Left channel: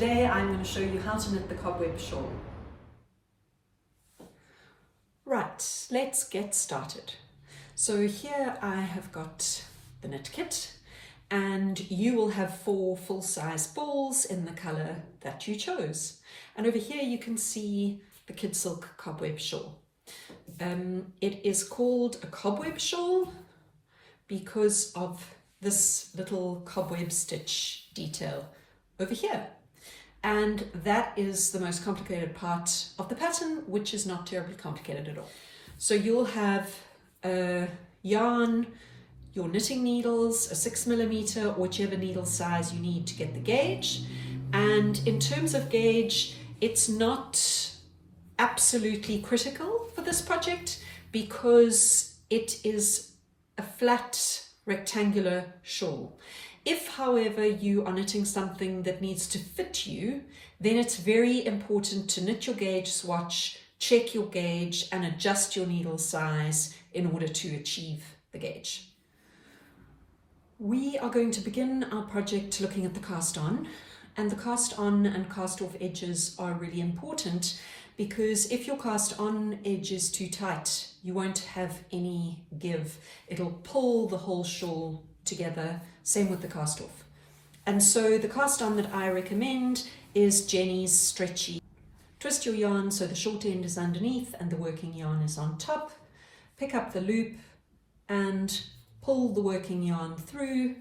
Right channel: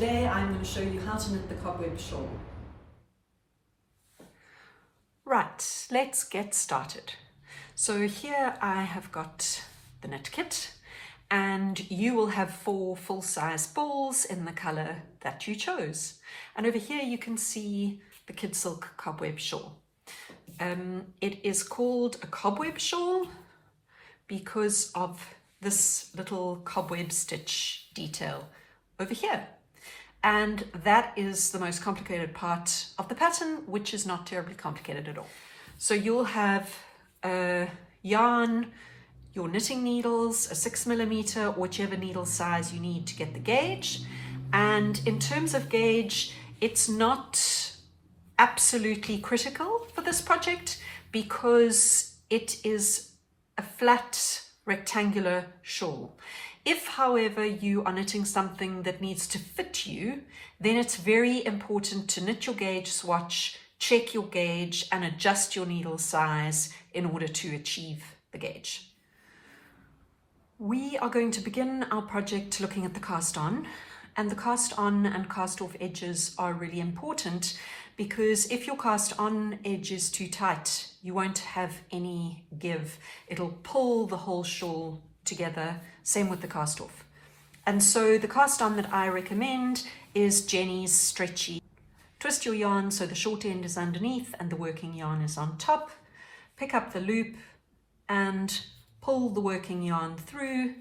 Today I'm going to show you how to knit the cobweb shawl. Right, let's get started. So here I have got the knit kit, and you will have 4 full-size balls in the colour that you chose. And over here you can see the Kid Silk Cobweb Shawl. It is called a cobweb shawl because of this little cobweb stitch detail over here. And that is the most complicated part of the pattern, which is not terribly complicated at all. So you'll have a yarn, your knitting needles, a 6mm, whichever needle size you need to get the gauge. And in terms of gauge, it's not absolutely critical for this project because it is a flat rectangular shawl. If, however, you are knitting something that needs to fit you, then it's very important to knit your gauge swatch, check your gauge, and adjust your needle size in order to achieve the gauge. We are going to begin our project looking at the cast on, and the cast on and cast off edges are really important because if your cast on edge is too tight, you won't have any give. It'll pull the whole shawl together, same with the cast off. And so the cast on that I recommend is Jenny's Stretchy. Twist your yarn so the short end is underneath and the working yarn is on top. Pick up the loop and pull the working yarn through,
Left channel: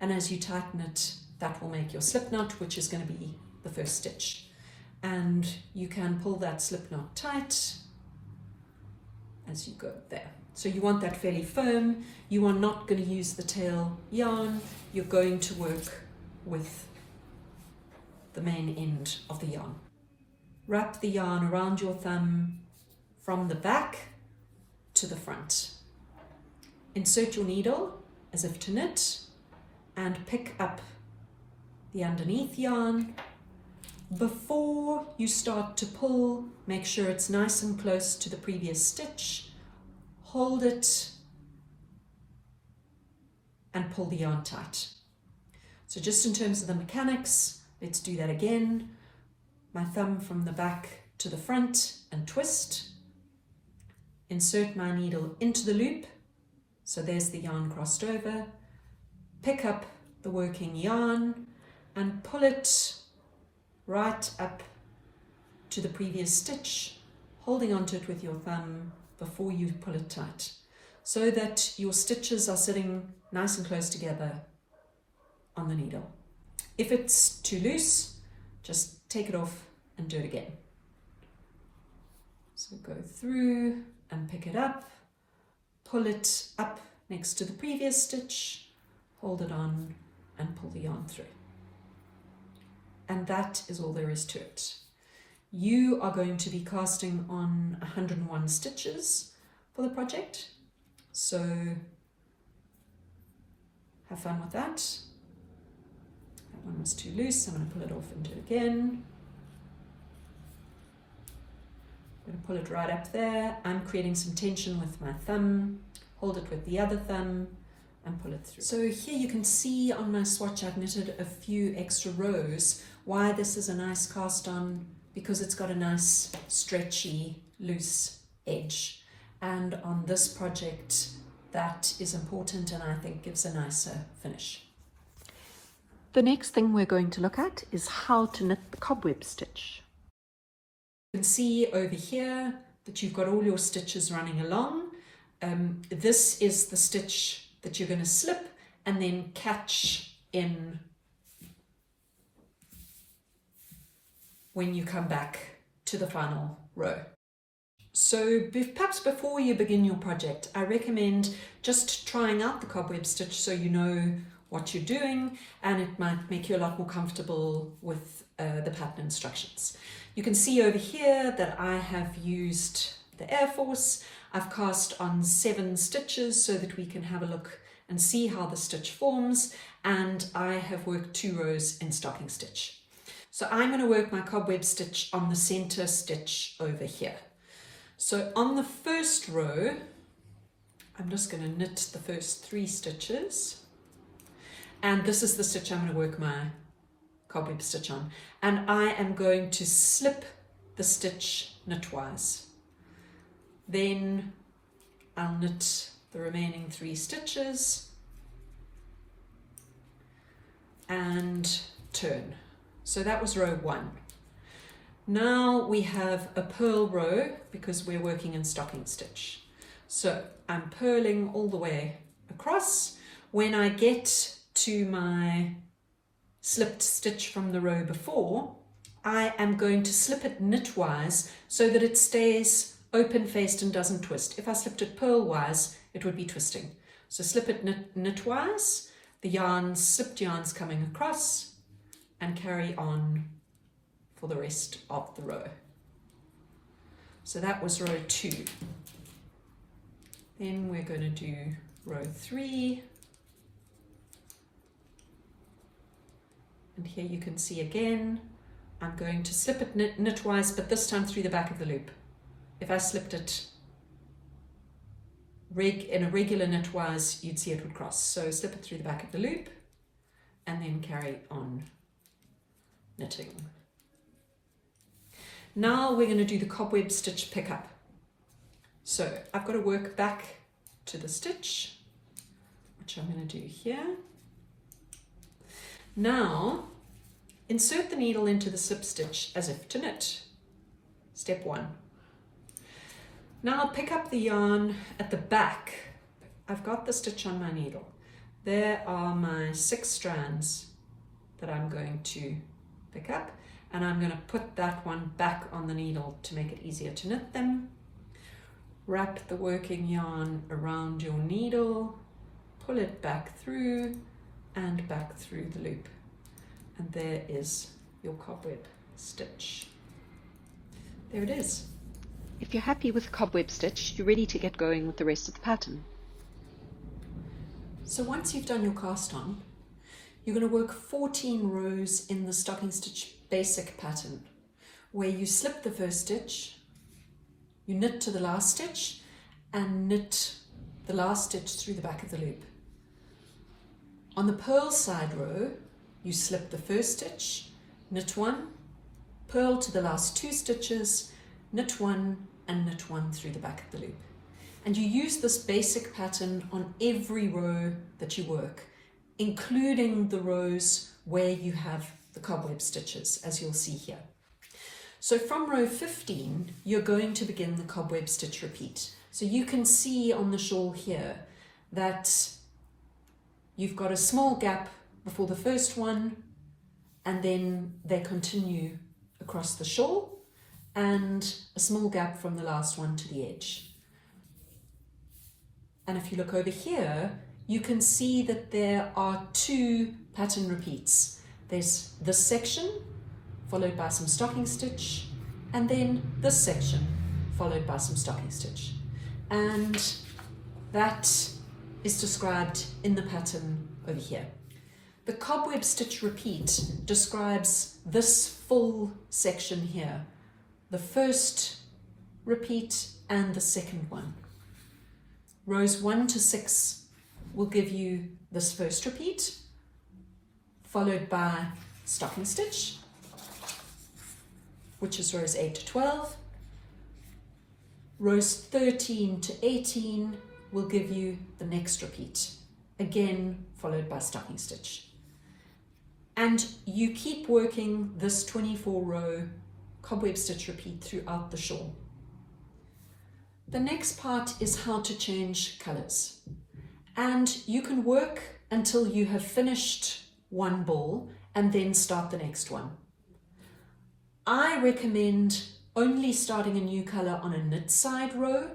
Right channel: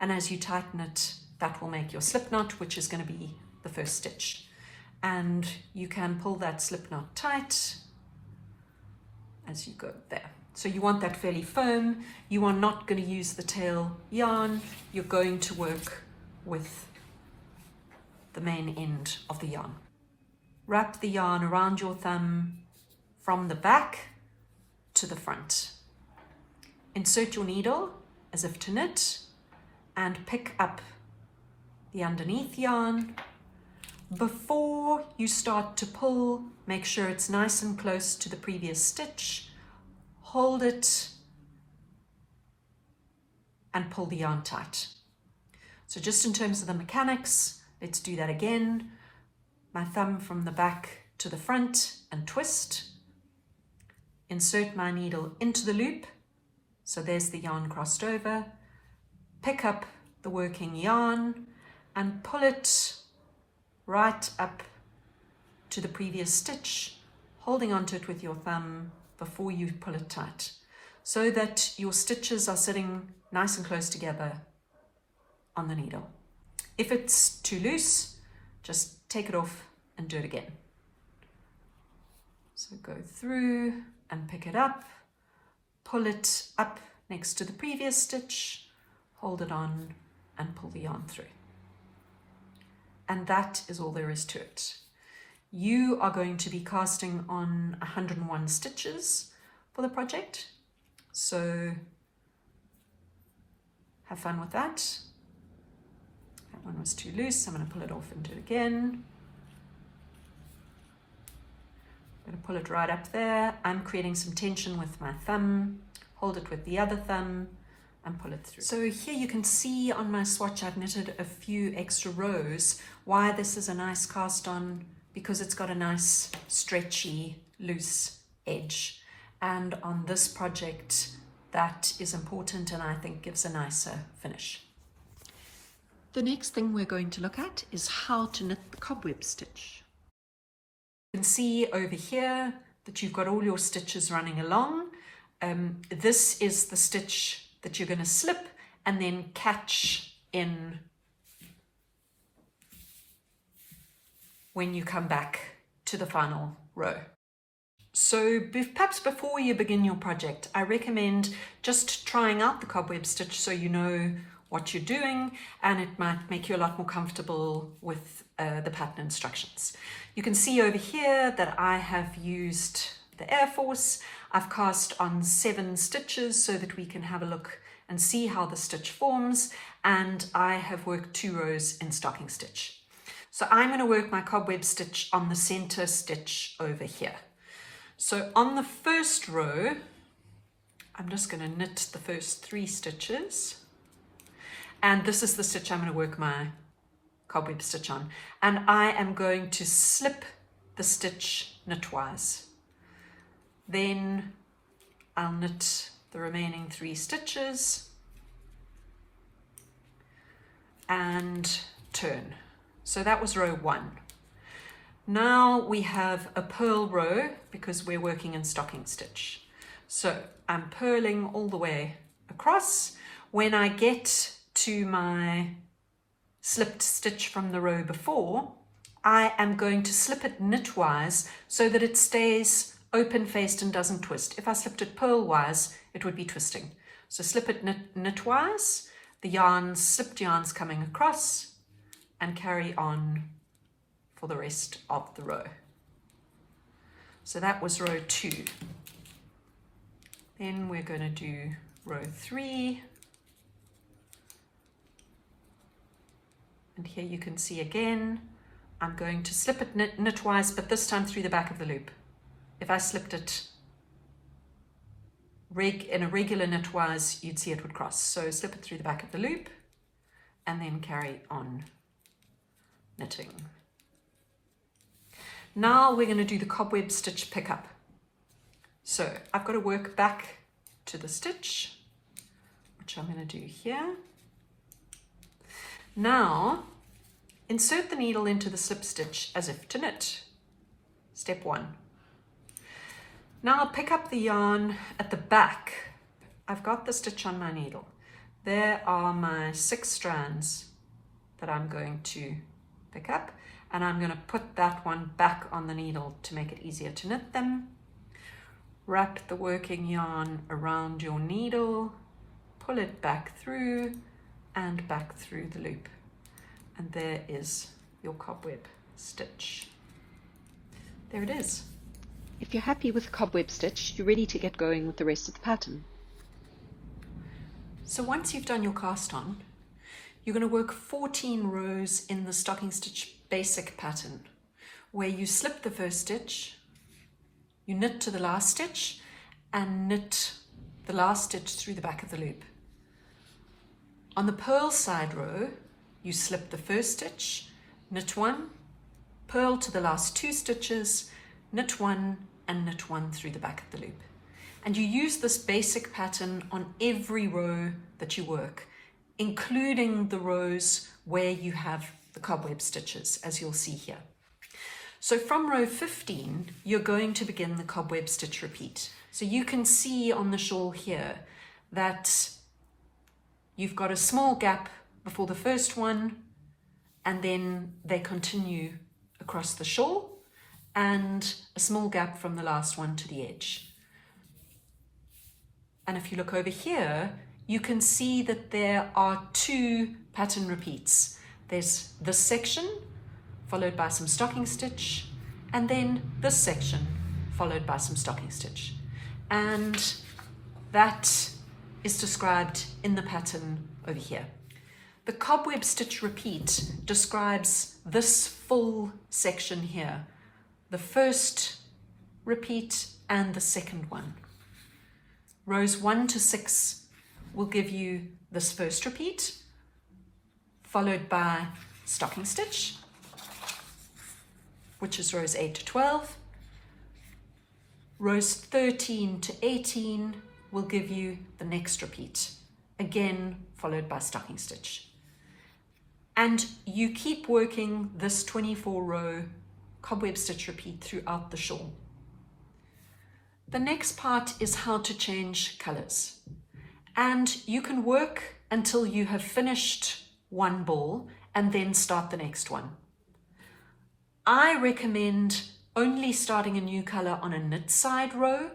and as you tighten it, that will make your slip knot, which is going to be the first stitch. And you can pull that slip knot tight as you go there. So you want that fairly firm. You are not going to use the tail yarn. You're going to work with the main end of the yarn. Wrap the yarn around your thumb from the back to the front. Insert your needle as if to knit and pick up the underneath yarn. Before you start to pull, make sure it's nice and close to the previous stitch. Hold it and pull the yarn tight. So just in terms of the mechanics, let's do that again. My thumb from the back to the front and twist. Insert my needle into the loop. So there's the yarn crossed over. Pick up the working yarn and pull it right up to the previous stitch, holding onto it with your thumb before you pull it tight, so that your stitches are sitting nice and close together on the needle. If it's too loose, just take it off and do it again. So go through and pick it up, pull it up next to the previous stitch, hold it on and pull the yarn through. And that is all there is to it. You are going to be casting on 101 stitches for the project, so have fun with that. That one was too loose, I'm going to pull it off and do it again. I'm going to pull it right up there. I'm creating some tension with my thumb, hold it with the other thumb and pull it through. So here you can see on my swatch I've knitted a few extra rows. Why this is a nice cast on? Because it's got a nice stretchy loose edge, and on this project that is important and I think gives a nicer finish. The next thing we're going to look at is how to knit the cobweb stitch. You can see over here that you've got all your stitches running along. This is the stitch that you're going to slip and then catch in when you come back to the final row. So perhaps before you begin your project, I recommend just trying out the cobweb stitch so you know what you're doing, and it might make you a lot more comfortable with the pattern instructions. You can see over here that I have used the Air Force. I've cast on 7 stitches so that we can have a look and see how the stitch forms, and I have worked 2 rows in stocking stitch. So I'm going to work my cobweb stitch on the center stitch over here. So on the first row, I'm just going to knit the first 3 stitches, and this is the stitch I'm going to work my cobweb stitch on, and I am going to slip the stitch knitwise. Then I'll knit the remaining 3 stitches and turn. So that was row 1. Now we have a purl row because we're working in stocking stitch. So I'm purling all the way across. When I get to my slipped stitch from the row before, I am going to slip it knitwise so that it stays open faced and doesn't twist. If I slipped it purl-wise, it would be twisting. So slip it knitwise, the yarns, slipped yarns coming across, and carry on for the rest of the row. So that was row 2. Then we're going to do row 3. And here you can see again, I'm going to slip it knitwise, but this time through the back of the loop. If I slipped it in a regular knitwise, you'd see it would cross. So slip it through the back of the loop and then carry on knitting. Now we're going to do the cobweb stitch pickup. So I've got to work back to the stitch, which I'm going to do here. Now insert the needle into the slip stitch as if to knit. Step 1. Now I'll pick up the yarn at the back. I've got the stitch on my needle. There are my 6 strands that I'm going to pick up, and I'm going to put that one back on the needle to make it easier to knit them. Wrap the working yarn around your needle, pull it back through and back through the loop. And there is your cobweb stitch. There it is. If you're happy with the cobweb stitch, you're ready to get going with the rest of the pattern. So once you've done your cast on, you're going to work 14 rows in the stocking stitch basic pattern, where you slip the first stitch, you knit to the last stitch, and knit the last stitch through the back of the loop. On the purl side row, you slip the first stitch, knit 1, purl to the last 2 stitches, knit 1 and knit 1 through the back of the loop. And you use this basic pattern on every row that you work, including the rows where you have the cobweb stitches, as you'll see here. So from row 15, you're going to begin the cobweb stitch repeat. So you can see on the shawl here that you've got a small gap before the first one, and then they continue across the shawl, and a small gap from the last one to the edge. And if you look over here, you can see that there are 2 pattern repeats. There's this section, followed by some stocking stitch, and then this section, followed by some stocking stitch. And that is described in the pattern over here. The cobweb stitch repeat describes this full section here, the first repeat and the second one. Rows 1 to 6 will give you this first repeat, followed by stocking stitch, which is rows 8 to 12. Rows 13 to 18 will give you the next repeat, again followed by stocking stitch. And you keep working this 24 row cobweb stitch repeat throughout the shawl. The next part is how to change colors. And you can work until you have finished one ball and then start the next one. I recommend only starting a new color on a knit side row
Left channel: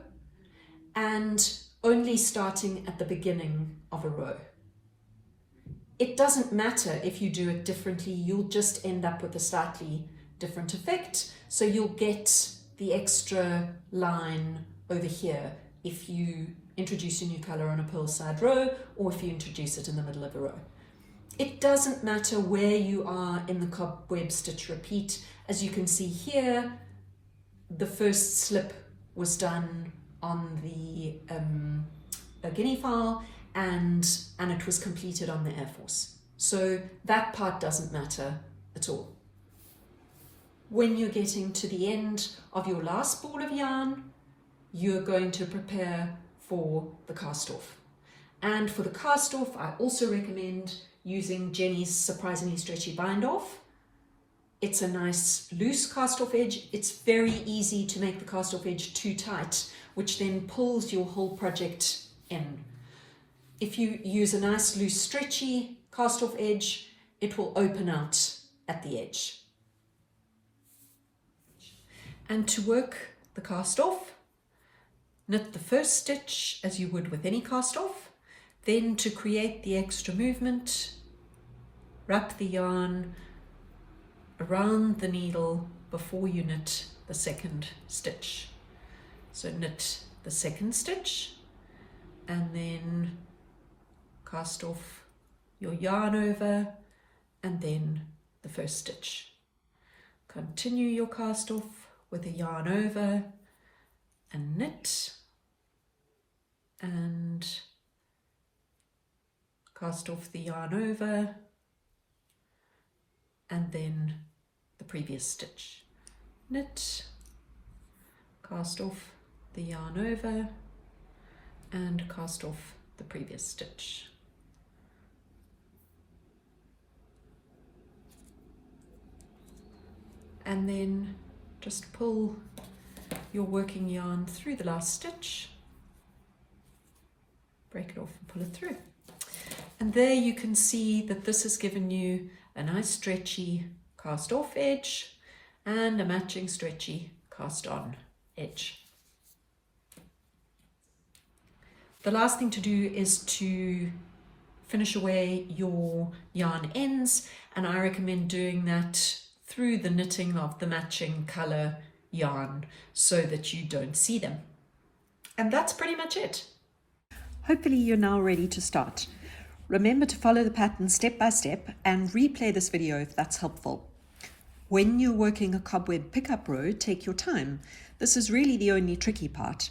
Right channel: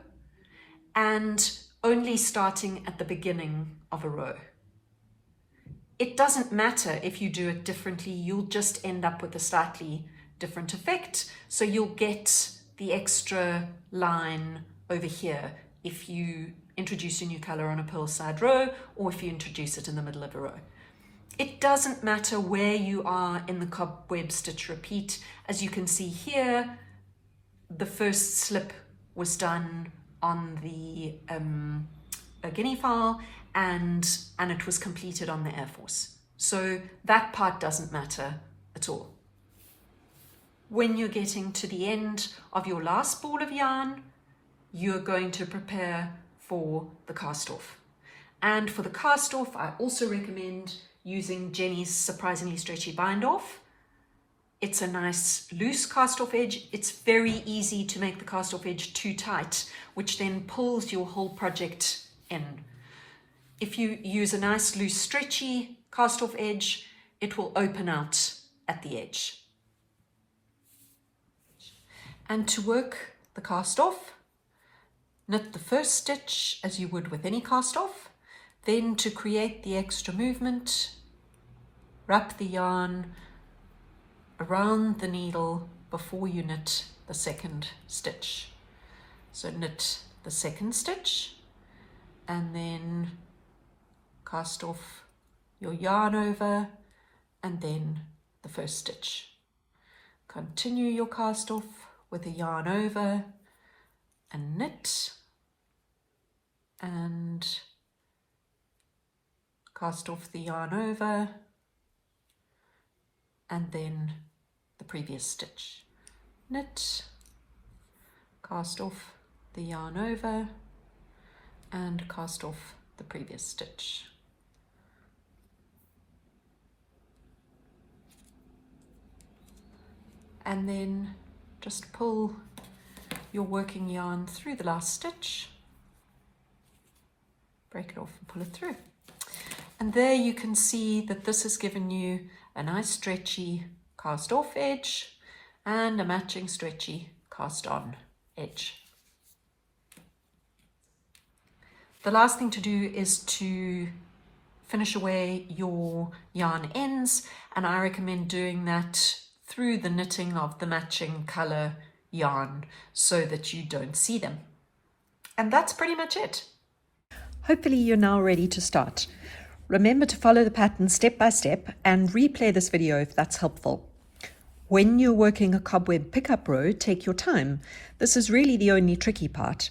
and only starting at the beginning of a row. It doesn't matter if you do it differently, you'll just end up with a slightly different effect. So you'll get the extra line over here if you introduce a new color on a purl side row or if you introduce it in the middle of a row. It doesn't matter where you are in the cobweb stitch repeat. As you can see here, the first slip was done on the guinea fowl and it was completed on the Air Force. So that part doesn't matter at all. When you're getting to the end of your last ball of yarn, you're going to prepare for the cast off. And for the cast off, I also recommend using Jenny's Surprisingly Stretchy Bind Off. It's a nice loose cast off edge. It's very easy to make the cast off edge too tight, which then pulls your whole project in. If you use a nice loose stretchy cast off edge, it will open out at the edge. And to work the cast off, knit the first stitch as you would with any cast off. Then to create the extra movement, wrap the yarn around the needle before you knit the second stitch. So knit the second stitch and then cast off your yarn over and then the first stitch. Continue your cast off with a yarn over and knit and cast off the yarn over and then the previous stitch. Knit, cast off the yarn over and cast off the previous stitch. And then just pull your working yarn through the last stitch, break it off and pull it through. And there you can see that this has given you a nice stretchy cast off edge and a matching stretchy cast on edge. The last thing to do is to finish away your yarn ends, and I recommend doing that through the knitting of the matching color yarn so that you don't see them. And that's pretty much it. Hopefully you're now ready to start. Remember to follow the pattern step by step and replay this video if that's helpful. When you're working a cobweb pickup row, take your time. This is really the only tricky part.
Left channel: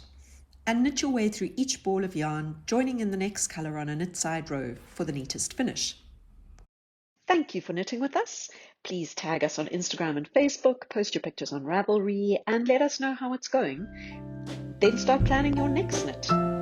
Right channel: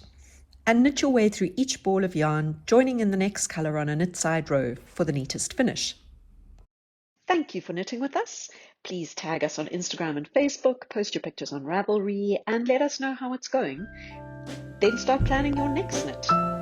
And knit your way through each ball of yarn, joining in the next colour on a knit side row for the neatest finish. Thank you for knitting with us. Please tag us on Instagram and Facebook, post your pictures on Ravelry, and let us know how it's going. Then start planning your next knit.